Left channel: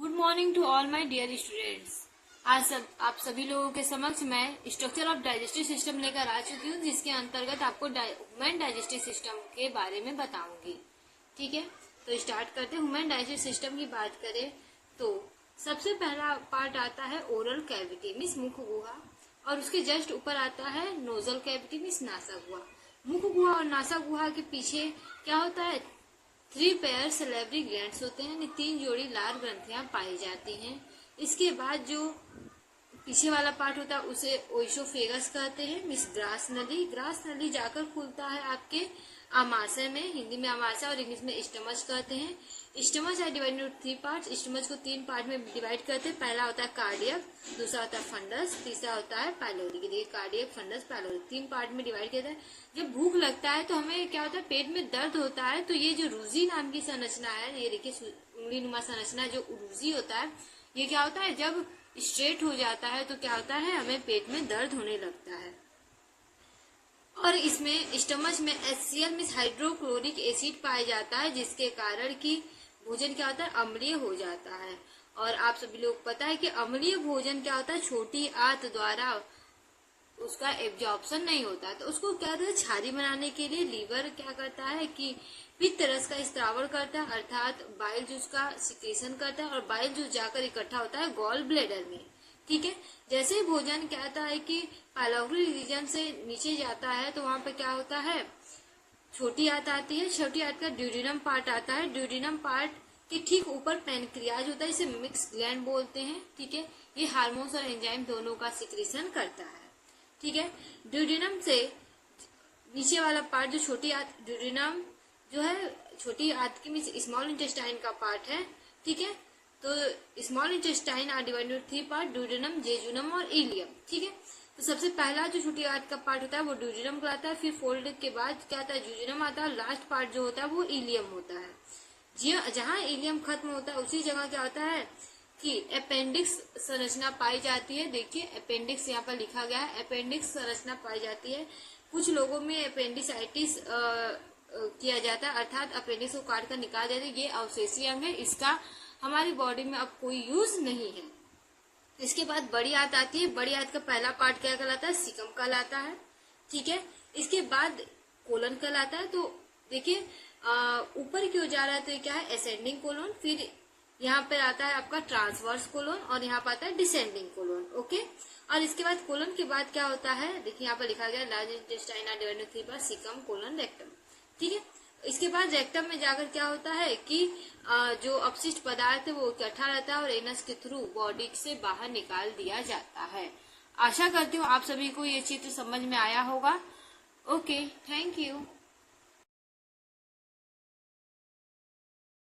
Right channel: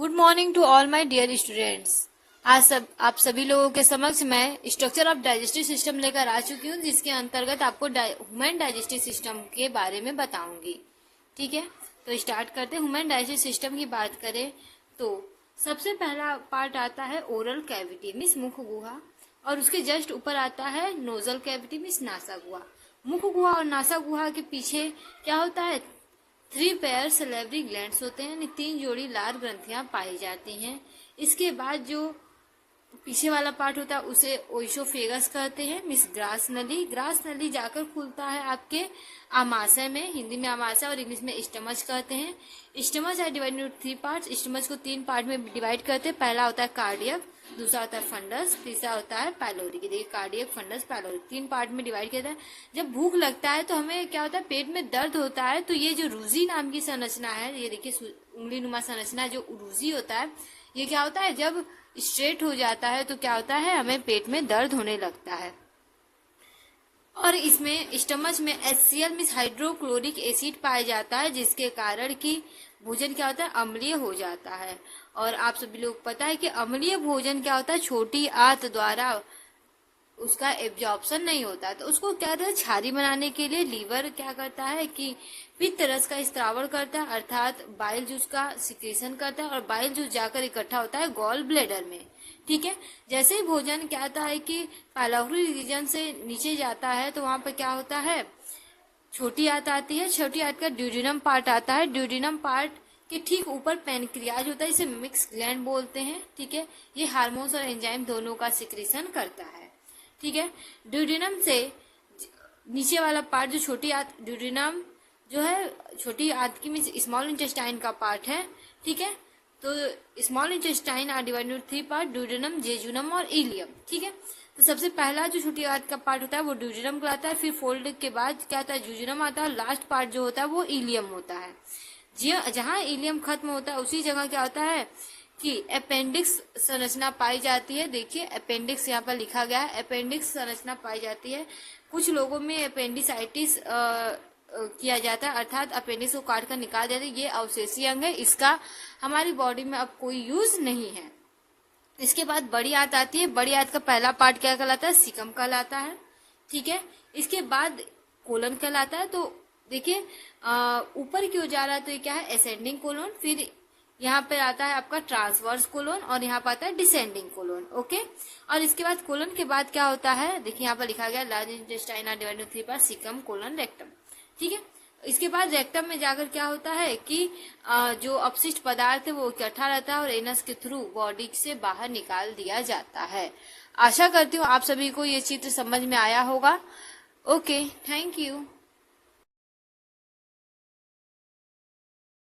Good morning to all my dear students. आज आप सभी लोगों के समक्ष मैं स्ट्रक्चर ऑफ डाइजेस्टिव सिस्टम लेकर आ चुकी हूँ, जिसके अंतर्गत आपको ह्यूमन डाइजेस्टिव सिस्टम के बारे में बताऊंगी। ठीक है, तो स्टार्ट करते हैं। ह्यूमन डाइजेस्टिव सिस्टम की बात करें तो सबसे पहला पार्ट आता है ओरल कैविटी मीन्स मुख गुहा, और उसके जस्ट ऊपर आता है नोजल कैविटी मीन्स नासा गुहा। मुख गुहा और नासा गुहा के पीछे क्या होता है? 3 पेयर सलेवरी ग्लैंड्स होते हैं, 3 जोड़ी लार ग्रंथियां पाई जाती हैं। इसके बाद जो पीछे वाला पार्ट होता है उसे ओइसोफेगस कहते हैं मीन्स ग्रास नली। ग्रास नली जाकर खुलता है आपके आमाशय में, हिंदी में आमाशय और इंग्लिश में स्टमच कहते हैं। स्टमच है डिवाइडेड इंटू 3 पार्ट्स। स्टमच को 3 पार्ट में डिवाइड करते हैं। पहला होता है कार्डियक, दूसरा होता है फंडस, तीसरा होता है पाइलोरी। देखिए कार्डियक, फंडस, पाइलोरी 3 पार्ट में डिवाइड किया जाता है। जब भूख लगता है तो हमें क्या होता है? पेट में दर्द होता है, तो ये जो रूजी नाम की संरचना है, ये देखिए उंगली नुमा संरचना जो रूजी होता है, ये क्या होता है? जब स्ट्रेट हो जाता है तो क्या होता है? हमें पेट में दर्द होने लगता है। और इसमें स्टमच में HCl मीन्स हाइड्रोक्लोरिक एसिड पाया जाता है, जिसके कारण कि भोजन क्या होता है? अम्लीय हो जाता है। और आप सभी लोग पता है कि अम्लीय भोजन क्या होता है? छोटी आंत द्वारा उसका एब्जॉर्प्शन नहीं होता, तो उसको क्या करता है? छारी बनाने के लिए लीवर क्या करता है कि पित्त रस का स्त्रावण करता है, अर्थात बाइल जूस का सिक्रेशन करता है, और बाइल जूस जाकर इकट्ठा होता है गॉल ब्लैडर में। ठीक है, जैसे ही भोजन क्या होता है कि पाइलोरी रीजन से नीचे जाता है तो वहां पर क्या होता है? छोटी आंत आती है। छोटी आंत का ड्यूडिनम पार्ट आता है। ड्यूडिनम पार्ट के ठीक ऊपर पैनक्रियाज होता है, इसे मिक्स ग्लैंड बोलते हैं। ठीक है, ये हार्मोन्स और एंजाइम दोनों का सिक्रेशन करता है। ठीक है, ड्यूडिनम से नीचे वाला पार्ट जो छोटी आंत, ड्यूडिनम जो है छोटी आंत की मीन्स स्मॉल इंटेस्टाइन का पार्ट है। ठीक है, तो small intestine are divided into 3 part, duodenum, jejunum और इलियम। ठीक है, तो सबसे पहला जो छोटी आंत का पार्ट होता है वो ड्यूडिनम कहलाता है, फिर फोल्ड के बाद क्या आता है? जेजुनम आता है, लास्ट पार्ट जो होता है वो इलियम होता है। जहाँ इलियम खत्म होता है उसी जगह क्या होता है कि अपेंडिक्स संरचना पाई जाती है। देखिए अपेंडिक्स यहाँ पर लिखा गया है, अपेंडिक्स संरचना पाई जाती है। कुछ लोगों में अपेंडिसाइटिस किया जाता है, अर्थात अपेंडिक्स को काट कर निकाल देते हैं। ये अवशेषीय अंग है, इसका हमारी बॉडी में अब कोई यूज नहीं है। इसके बाद बड़ी आंत आती है। बड़ी आंत का पहला पार्ट क्या कहलाता है? सीकम कहलाता है। ठीक है, इसके बाद कोलन कहलाता है। तो देखिए ऊपर की ओर जा रहा है तो ये क्या है? Ascending colon. फिर यहाँ पे आता है आपका ट्रांसवर्स कोलन, और यहाँ पर आता है डिसेंडिंग कोलन। ओके, और इसके बाद कोलन के बाद क्या होता है? देखिए यहाँ पर लिखा गया large intestine are divided into 3 part, caecum, colon, rectum. ठीक है, इसके बाद रेक्टम में जाकर क्या होता है कि जो अपशिष्ट पदार्थ है वो इकट्ठा रहता है और एनस के थ्रू बॉडी से बाहर निकाल दिया जाता है। आशा करती हूँ आप सभी को ये चित्र समझ में आया होगा। Okay, thank you.